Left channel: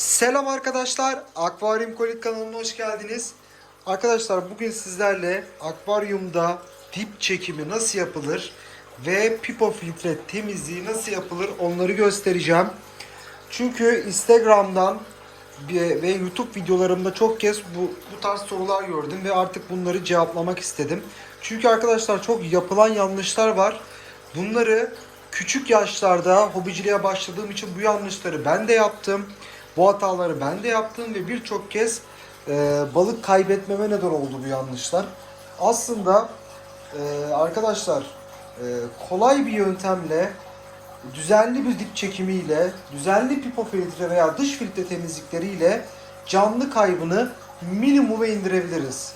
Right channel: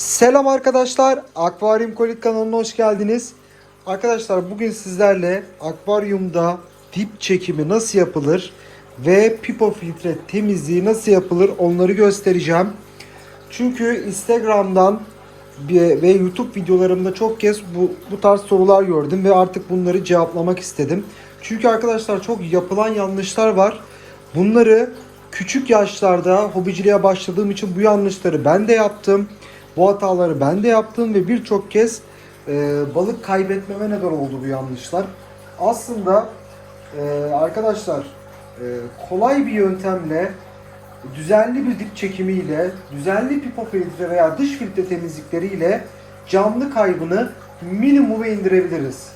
Selam arkadaşlar. Akvaryum Kolik kanalına hoş geldiniz. Arkadaşlar bugün sizlerle akvaryumda dip çekimi nasıl yapılır ve pipo filtre temizliği nasıl yapılır onları göstereceğim. Çünkü Instagram'dan ve YouTube videolarımda çok kez bu, bu tarz sorular gördüm ve artık bunları cevaplamak istedim. Çünkü arkadaşlar çok yapılan yanlışlar var. Bunları küçük yaşlarda hobiciliğe başladığım için bu yanlışları ben de yaptım. Bu hataları ben de yaptım ve birçok kez e, balık kaybetmeme neden oldu bu yanlışlar. Aslında e, arkadaşlar e, kolay bir yöntemle düzenli bir dip çekimiyle, düzenli pipo filtre veya dış filtre temizlikleriyle canlı kaybını minimuma indirebiliriz.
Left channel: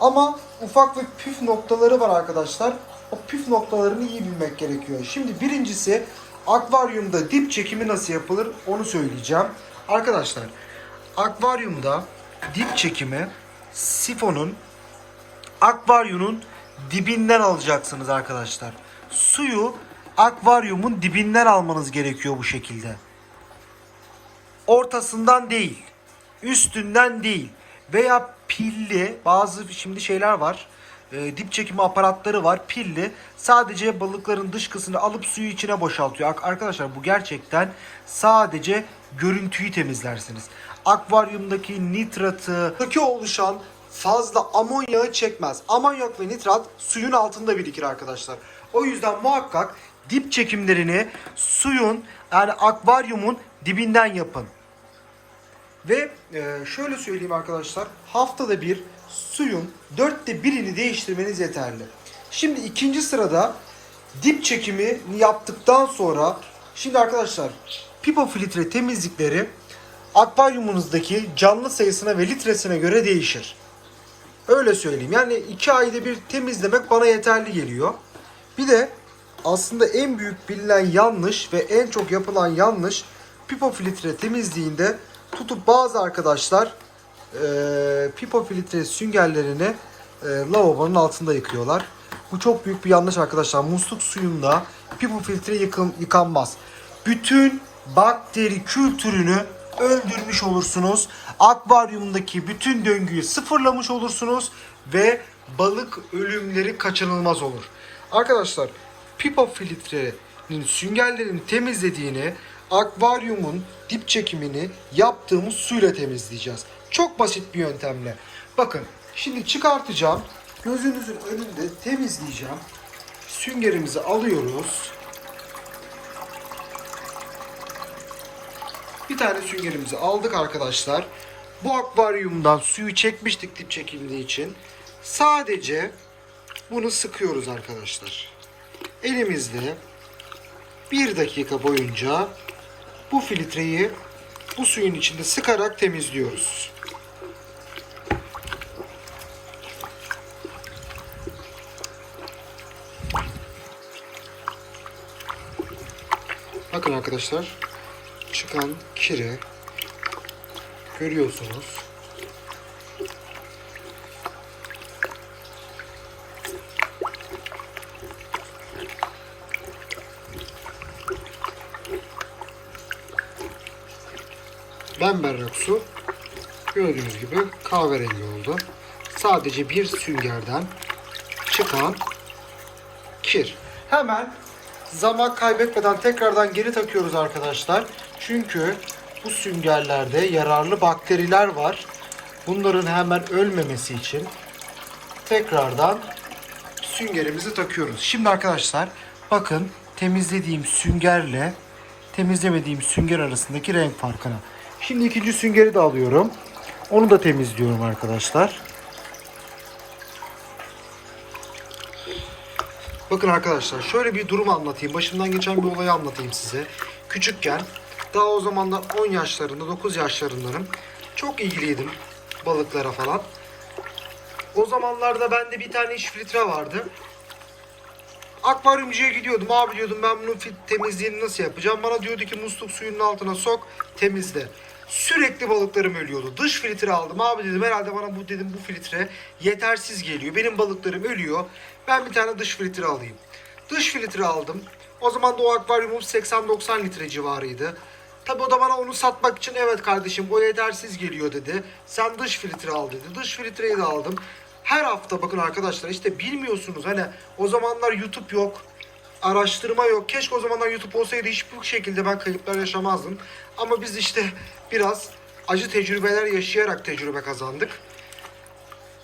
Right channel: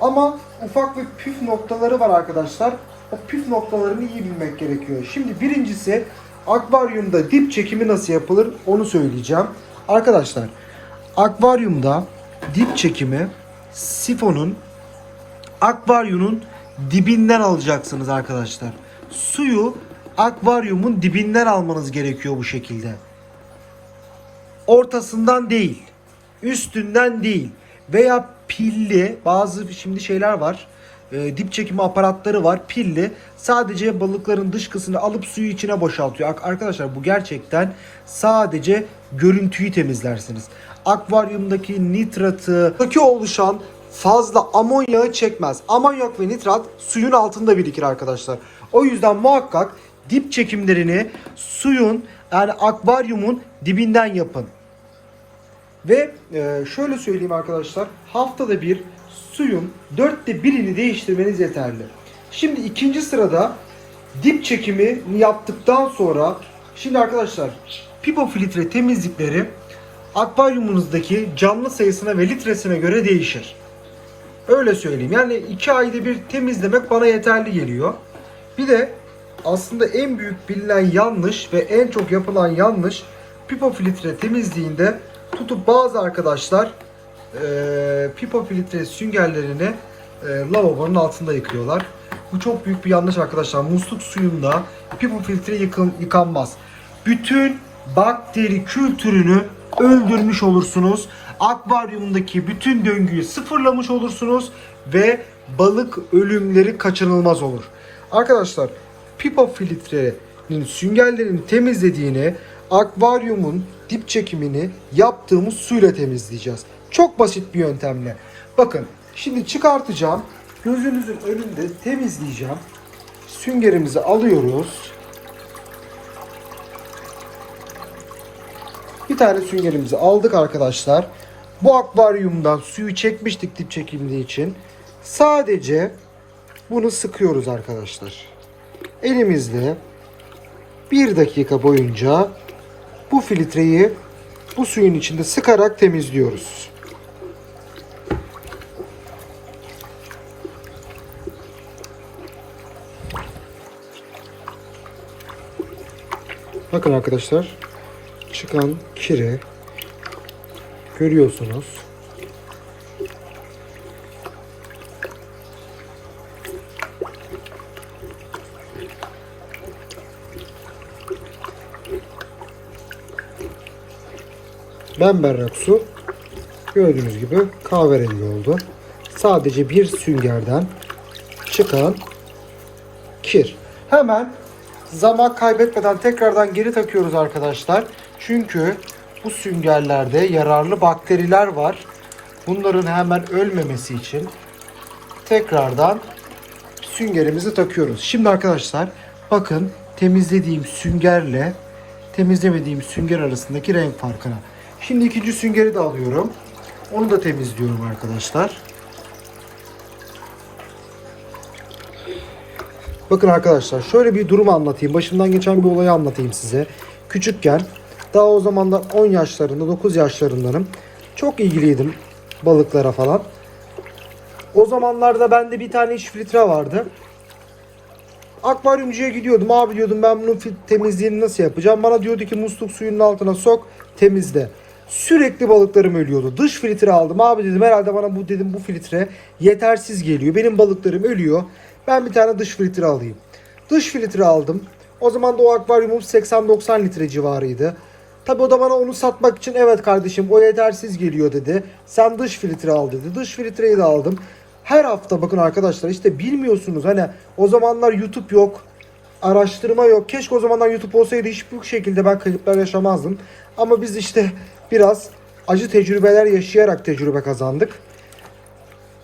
Ama ufak ve püf noktaları var arkadaşlar. O püf noktalarını iyi bilmek gerekiyor. Şimdi birincisi akvaryumda dip çekimi nasıl yapılır onu söyleyeceğim. Arkadaşlar akvaryumda dip çekimi sifonun akvaryumun dibinden alacaksınız arkadaşlar. Suyu akvaryumun dibinden almanız gerekiyor bu şekilde. Ortasından değil, üstünden değil veya pilli bazı şimdi şeyler var. E, dip çekimi aparatları var pilli sadece balıkların dışkısını alıp suyu içine boşaltıyor. Ar- Arkadaşlar bu gerçekten sadece görüntüyü temizlersiniz. Akvaryumdaki nitratı, oluşan fazla amonyağı çekmez. Amonyak ve nitrat suyun altında birikir arkadaşlar. O yüzden muhakkak dip çekimlerini suyun yani akvaryumun dibinden yapın. Ve e, şöyle söyleyeyim arkadaşlar haftada bir suyun dörtte birini değiştirmeniz yeterli. Şimdi ikinci sırada dip çekimini yaptıktan sonra şimdi arkadaşlar pipo filtre temizlikleri akvaryumunuzdaki canlı sayısına ve litresine göre değişir. Öyle söyleyeyim. Yani iki ayda bir temizlemek bana yeterli geliyor. Bir de aslında en büyük bilinen yanlış ve en çok yapılan yanlış pipo filtre temizliğinde tutup bazı arkadaşlar e, pipo filtre süngerlerini e, lavabonun altında yıkıyorlar. Bu çok büyük bir yanlış arkadaşlar. Musluk suyunda pipo filtre yıkın, yıkanmaz. Bütün bakteri kültürünü öldürmüş olursunuz. Akvaryumdaki bütün döngüyü sıfırlamış olursunuz ve balık ölümleri kaçınılmaz olur. Arkadaşlar pipo filtrenin süngerlerini temizlediğini akvaryumun dip çekimini yaptığımız suyla temizleyeceğiz. Çok basit bir yöntemle. Bakın şimdi çıkartacağım. Gözünüzün önünde temizleyeceğim. Süngerimizi alıyoruz. Bir tane süngerimizi aldık arkadaşlar. Bu akvaryumdan suyu çekmiştik dip çekimli için. Sadece bunu sıkıyoruz arkadaşlar. Elimizle bir dakika boyunca bu filtreyi bu suyun içinde sıkarak temizliyoruz. Bakın arkadaşlar çıkan kiri görüyorsunuz. Bemberrak su gördüğünüz gibi kahverengi oldu. Sadece bir süngerden çıkan kir. Hemen zaman kaybetmeden tekrardan geri takıyoruz arkadaşlar. Çünkü bu süngerlerde yararlı bakteriler var. Bunların hemen ölmemesi için tekrardan süngerimizi takıyoruz. Şimdi arkadaşlar bakın temizlediğim süngerle temizlemediğim sünger arasındaki renk farkına. Şimdi ikinci süngeri de alıyorum. Onu da temizliyorum arkadaşlar. Bakın arkadaşlar şöyle bir durum anlatayım. Başımdan geçen bir olayı anlatayım size. Küçükken daha o zamanlar 10 yaşlarında 9 yaşlarındanım. Çok ilgiliydim balıklara falan. O zamanlarda bende bir tane iş filtre vardı. Akvaryumcuya gidiyordum. Abi diyordum ben bunun temizliğini nasıl yapacağım? Bana diyordu ki musluk suyunun altına sok temizle. Sürekli balıklarım ölüyordu. Dış filtre aldım. Abi dedim herhalde bana bu dedim bu filtre yetersiz geliyor. Benim balıklarım ölüyor. Ben bir tane dış filtre alayım. Dış filtre aldım. O zaman da o akvaryumum 80-90 litre civarıydı. Tabi o da bana onu satmak için evet kardeşim o yetersiz geliyor dedi. Sen dış filtre al dedi. Dış filtreyi de aldım. Her hafta bakın arkadaşlar işte bilmiyorsunuz hani o zamanlar YouTube yok. Araştırma yok. Keşke o zamanlar YouTube olsaydı hiçbir şekilde ben kayıplar yaşamazdım. Ama biz işte biraz acı tecrübeler yaşayarak tecrübe kazandık.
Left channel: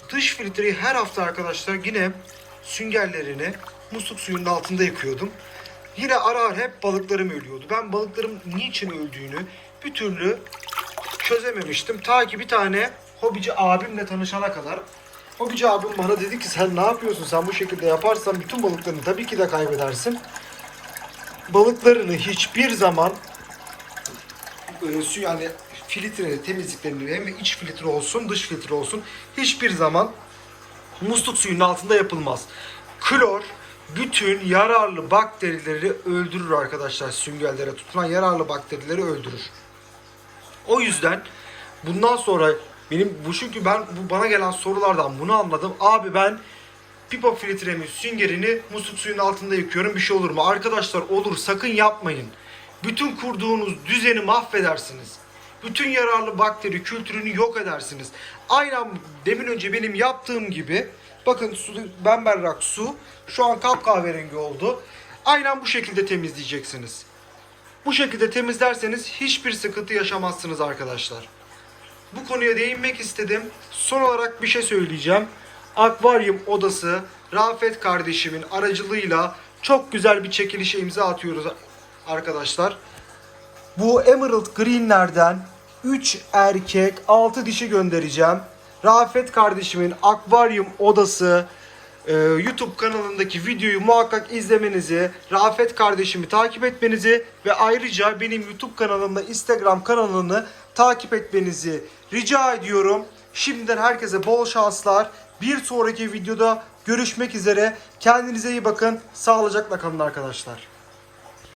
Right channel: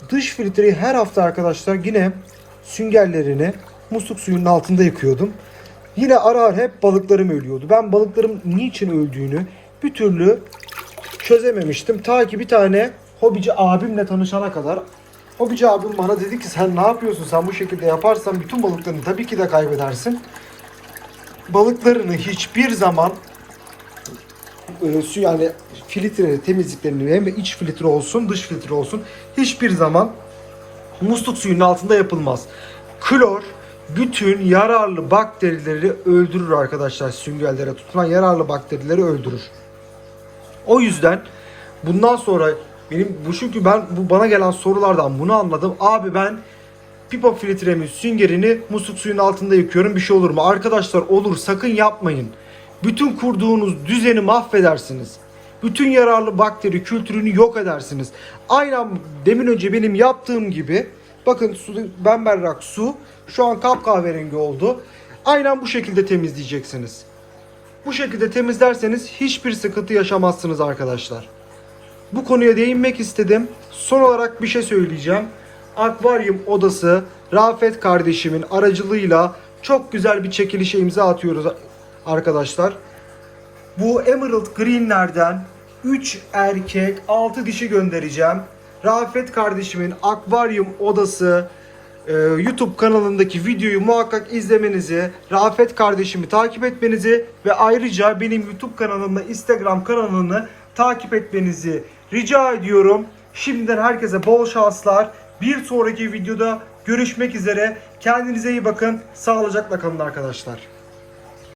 Dış filtreyi her hafta arkadaşlar yine süngerlerini musluk suyunun altında yıkıyordum. Yine ara ara hep balıklarım ölüyordu. Ben balıklarım niçin öldüğünü bir türlü çözememiştim. Ta ki bir tane hobici abimle tanışana kadar. Hobici abim bana dedi ki sen ne yapıyorsun? Sen bu şekilde yaparsan bütün balıklarını tabii ki de kaybedersin. Balıklarını hiçbir zaman e, su yani filtre temizliklerini hem iç filtre olsun dış filtre olsun hiçbir zaman musluk suyunun altında yapılmaz. Klor bütün yararlı bakterileri öldürür arkadaşlar süngellere tutulan yararlı bakterileri öldürür. O yüzden bundan sonra benim bu çünkü ben bu bana gelen sorulardan bunu anladım. Abi ben pipa filtremin süngerini musluk suyun altında yıkıyorum bir şey olur mu? Arkadaşlar olur sakın yapmayın. Bütün kurduğunuz düzeni mahvedersiniz. Bütün yararlı bakteri kültürünü yok edersiniz. Aynen demin önce benim yaptığım gibi bakın su, ben berrak su şu an kapkahverengi oldu. Aynen bu şekilde temizleyeceksiniz. Bu şekilde temizlerseniz hiçbir sıkıntı yaşamazsınız arkadaşlar. Bu konuya değinmek istedim. Son olarak bir şey söyleyeceğim. Akvaryum odası Rafet kardeşimin aracılığıyla çok güzel bir çekilişe imza atıyoruz arkadaşlar. Bu Emerald Green'lerden 3 erkek 6 dişi göndereceğim. Rafet kardeşimin akvaryum odası e, YouTube kanalındaki videoyu muhakkak izlemenizi, Rafet kardeşimi takip etmenizi ve ayrıca benim YouTube kanalımda Instagram kanalını takip etmenizi rica ediyorum. Şimdiden herkese bol şanslar. Bir sonraki videoda görüşmek üzere. Kendinize iyi bakın. Sağlıcakla kalın arkadaşlar.